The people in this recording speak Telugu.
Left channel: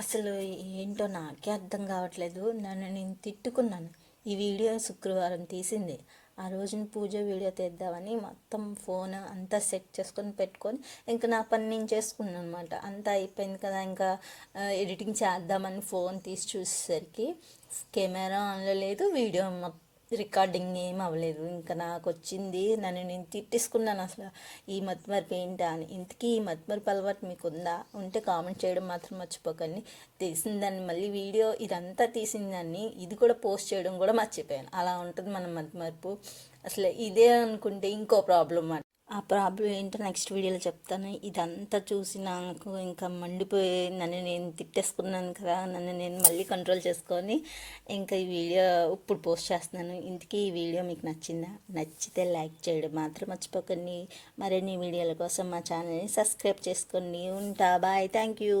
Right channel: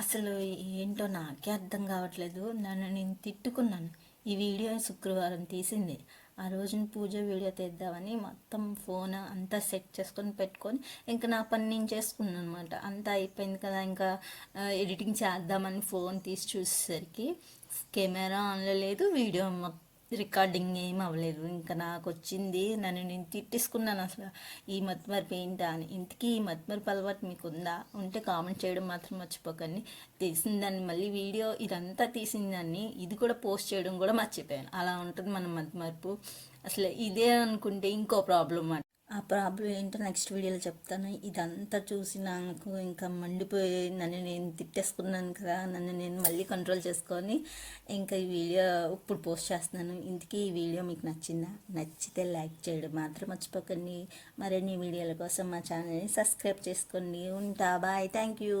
అసలు ఏంటో నాకే అర్థం కావట్లేదు. నన్ను నేను తిట్టుకున్నాను. ఈ వీడియో శుక్రవారం తీసింది. ఆ రోజున పూజ వీడియో తీద్దామని మొత్తం ఫోన్ అంతా సెట్ చేసుకొని పెట్టుకొని ఇంకా నా పని నేను చేసుకున్నాను అనమాట. అంతా అయిపోయింది కదా, ఇంకా ఎడిటింగ్ చేద్దామని ఫోన్ తీసి చూసేసరికి కెమెరా ఆన్లో లేదు, వీడియో రికార్డింగ్ ఏం అవ్వలేదు. ఇంకా నాకు వచ్చింది, నన్ను నేను తిట్టేసుకున్నాను. అసలు ఈ మతిమరుపు ఏంటా అని. ఇంతకీ ఈ మతిమరుపు అలవాటు మీకు ఉందా? ఉంటే కామెంట్ చేయడం మాత్రం మర్చిపోకండి. తీసిందాన్ని మళ్ళీ వీడియో ఇదంతా తీసిందాన్ని ఇది కూడా పోస్ట్ చేయడం కూడా మర్చిపోయాను. అలా ఉంటుంది మన మతిమరుపు. అసలు ఇదే అనుకుంటే ఇంకో ప్రాబ్లం. ఆ ప్రాబ్లం ఏంటో నెక్స్ట్ వీడియోలో చెప్తాను. ఇదంతా చూసి నాకు ఇంకా మండిపోయి నన్ను నేను తిట్టేసుకున్నాను కదా, నన్ను నేను మళ్ళీ కంట్రోల్ చేసుకొని ఇంకా ఈ వీడియో ఇప్పుడు పోస్ట్ చేస్తున్నాను. ఇంతకీ ఈ వీడియో మీకు నచ్చిందా? నచ్చితే లైక్ చేయడం మాత్రం మర్చిపోకండి. మరిన్ని వీడియోల కోసం మా ఛానల్ని సబ్స్క్రైబ్ చేసుకోండి. ఉంటా, బాయ్, థ్యాంక్ యూ.